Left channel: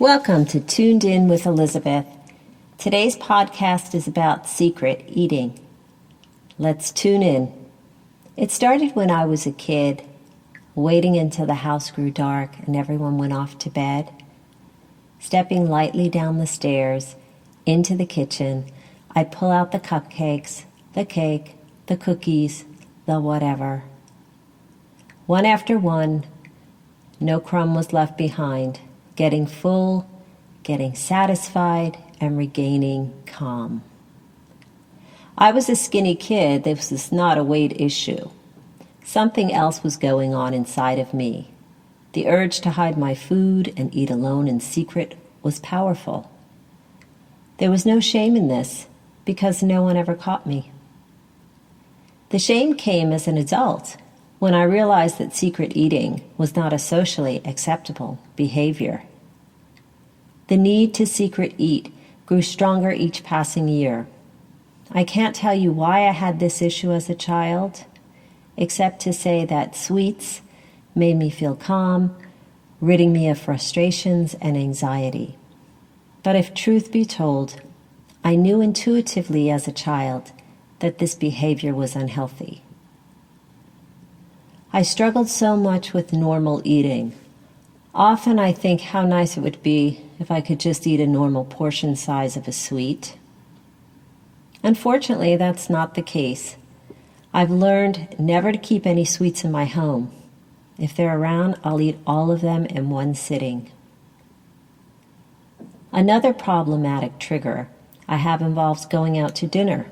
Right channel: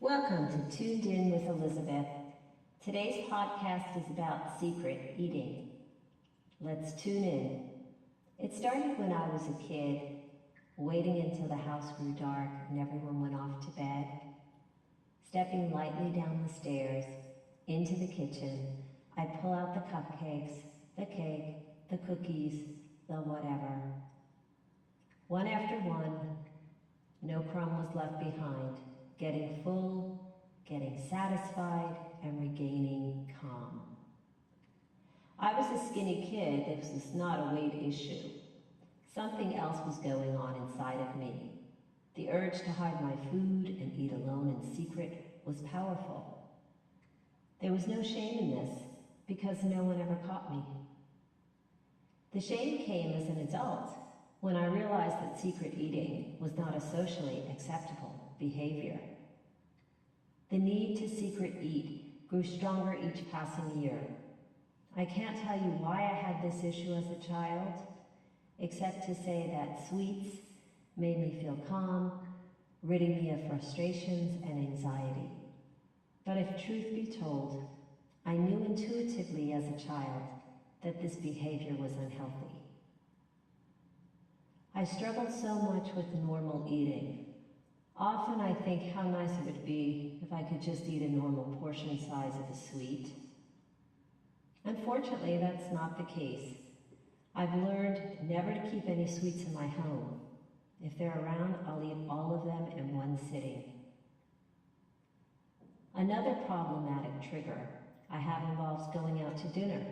Welcome to Tuned In with Elizabeth. Today's podcast is about secret eating. Let's tune in. It started when I was a kid, waiting until the house grew dark and everyone went off to bed. Stepping lightly down the stairs into the kitchen, I'd pull out the cupcakes, the cake, the cookies, the whatever. One after one, no crumb was left behind. Getting full, getting satisfied, and regaining calm. I was a skinny kid. This was not a weight issue. Something else was going on inside of me. The urge to hide my food and eat alone in secret was powerful. There was no shame in this because no one ever caught me. The shame came as an adult when I realized that secret eating was not a socially acceptable behavior. The need to secret eat grew stronger each passing year. I can't tell you why I had this issue as a child, except to say that sweets made me feel calm, ridding me of frustrations and anxiety. But if truth be told, I knew intuitively as a child that this behavior was unhealthy. I struggled so much with normal eating. Often I think how nice it would be if I could just eat a normal portion size of a sweet. Unfortunately, that's not the case. I've learned never to keep any sweets in my home. If they're around, I'll eat all of them in one sitting. Another problematic trigger I have involves going out to dinner.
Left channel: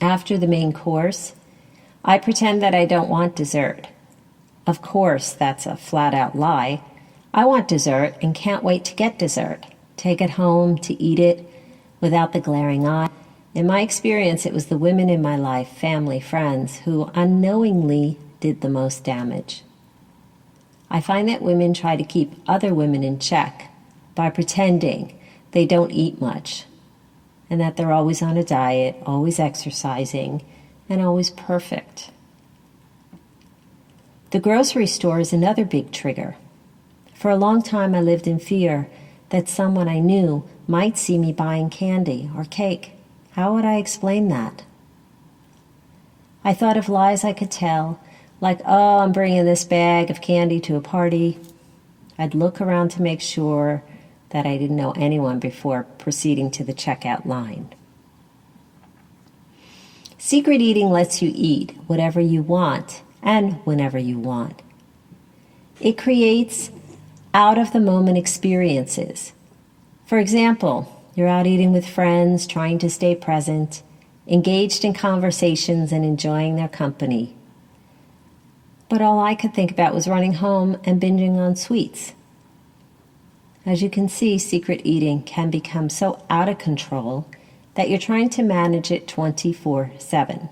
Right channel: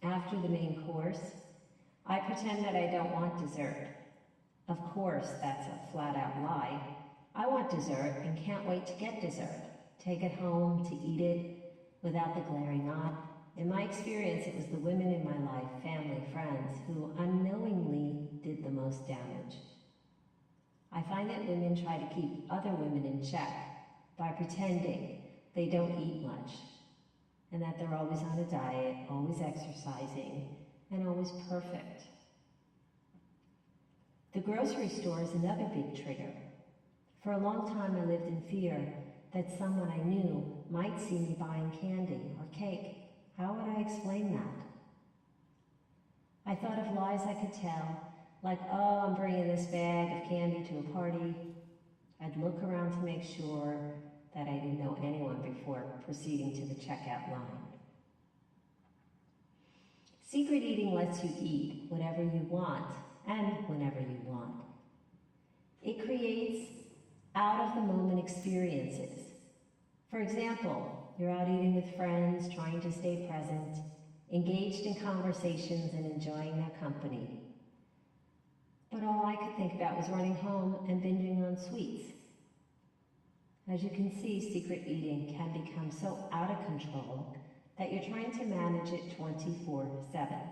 After the main course, I pretend that I don't want dessert. Of course, that's a flat-out lie. I want dessert and can't wait to get dessert. Take it home to eat it without the glaring eye. In my experience, it was the women in my life, family, friends, who unknowingly did the most damage. I find that women try to keep other women in check by pretending they don't eat much and that they're always on a diet, always exercising, and always perfect. The grocery store is another big trigger. For a long time, I lived in fear that someone I knew might see me buying candy or cake. How would I explain that? I thought of lies I could tell, like, oh, I'm bringing this bag of candy to a party. I'd look around to make sure that I didn't know anyone before proceeding to the checkout line. Secret eating lets you eat whatever you want and whenever you want. It creates out-of-the-moment experiences. For example, you're out eating with friends, trying to stay present, engaged in conversations and enjoying their company. But all I could think about was running home and binging on sweets. As you can see, secret eating can become so out of control that you're trying to manage it 24/7.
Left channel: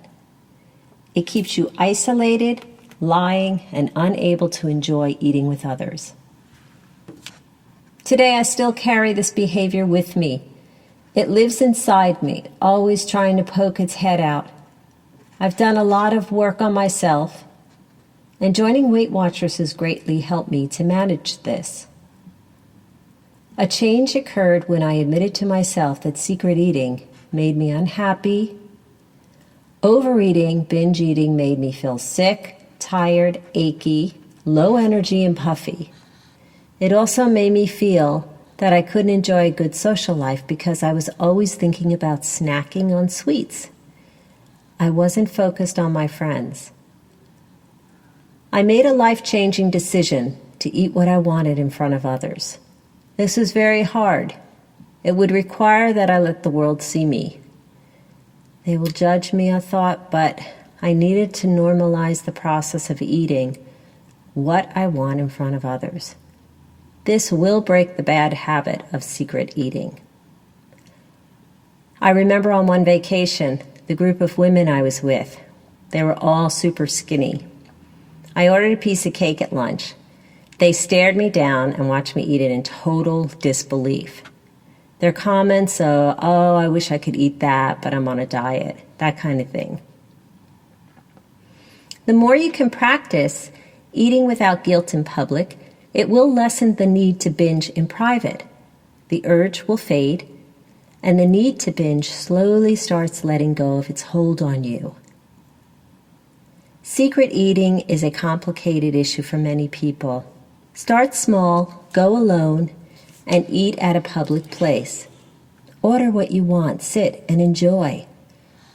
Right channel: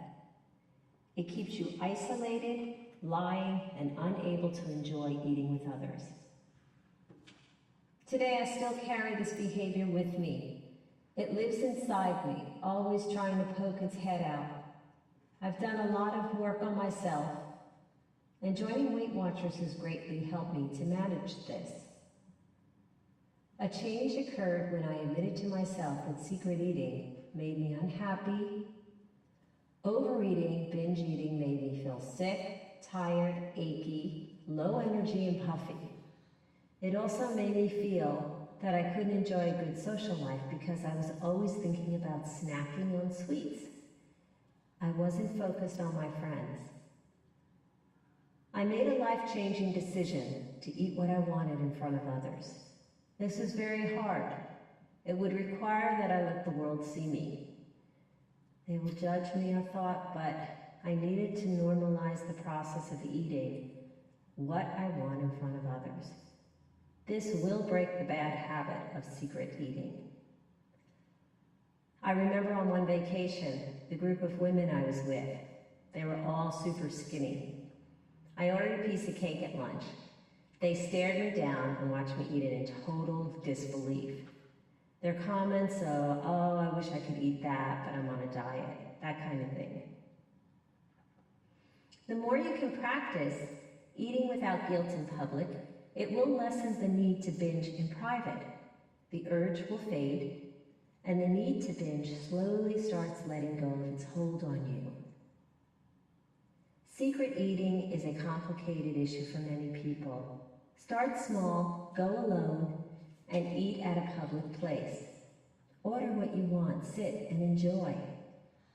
It keeps you isolated, lying, and unable to enjoy eating with others. Today, I still carry this behavior with me. It lives inside me, always trying to poke its head out. I've done a lot of work on myself, and joining Weight Watchers has greatly helped me to manage this. A change occurred when I admitted to myself that secret eating made me unhappy. Overeating, binge eating made me feel sick, tired, achy, low energy, and puffy. It also made me feel that I couldn't enjoy a good social life because I was always thinking about snacking on sweets. I wasn't focused on my friends. I made a life-changing decision to eat what I wanted in front of others. This was very hard. It would require that I let the world see me. They will judge me, I thought, but I needed to normalize the process of eating what I want in front of others. This will break the bad habit of secret eating. I remember on one vacation, the group of women I was with, they were all super skinny. I ordered a piece of cake at lunch. They stared me down and watched me eat it in total disbelief. Their comments, oh, I wish I could eat that, but I'm on a diet, that kind of thing. The more you can practice eating without guilt in public, It will lessen the need to binge in private. The urge will fade, and the need to binge slowly starts letting go of its hold on you. Secret eating is a complicated issue for many people. Start small, go alone, and eat at a public place. Order what you want, sit and enjoy.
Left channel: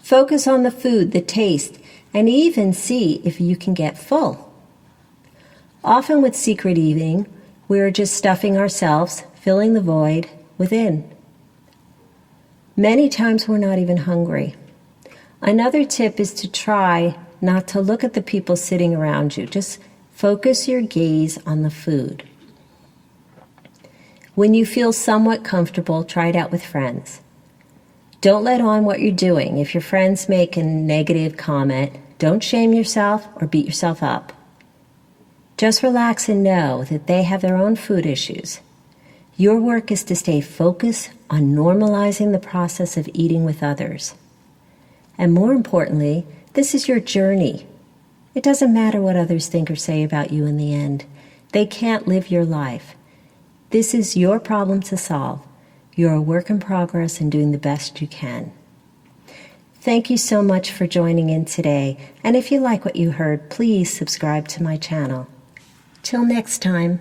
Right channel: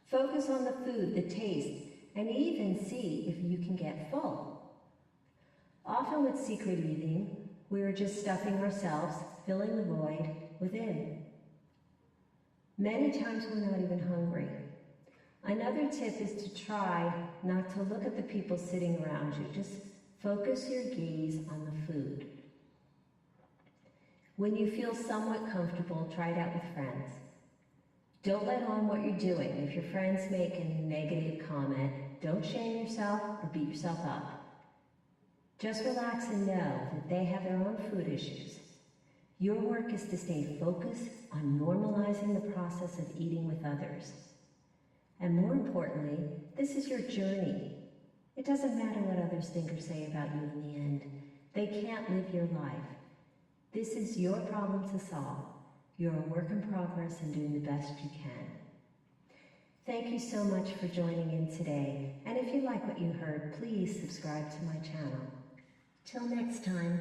Focus on the food, the taste, and even see if you can get full. Often with secret eating, we are just stuffing ourselves, filling the void within. Many times we're not even hungry. Another tip is to try not to look at the people sitting around you. Just focus your gaze on the food. When you feel somewhat comfortable, try it out with friends. Don't let on what you're doing. If your friends make a negative comment, don't shame yourself or beat yourself up. Just relax and know that they have their own food issues. Your work is to stay focused on normalizing the process of eating with others. And more importantly, this is your journey. It doesn't matter what others think or say about you in the end. They can't live your life. This is your problem to solve. You're a work in progress and doing the best you can. Thank you so much for joining in today. And if you like what you heard, please subscribe to my channel. Till next time.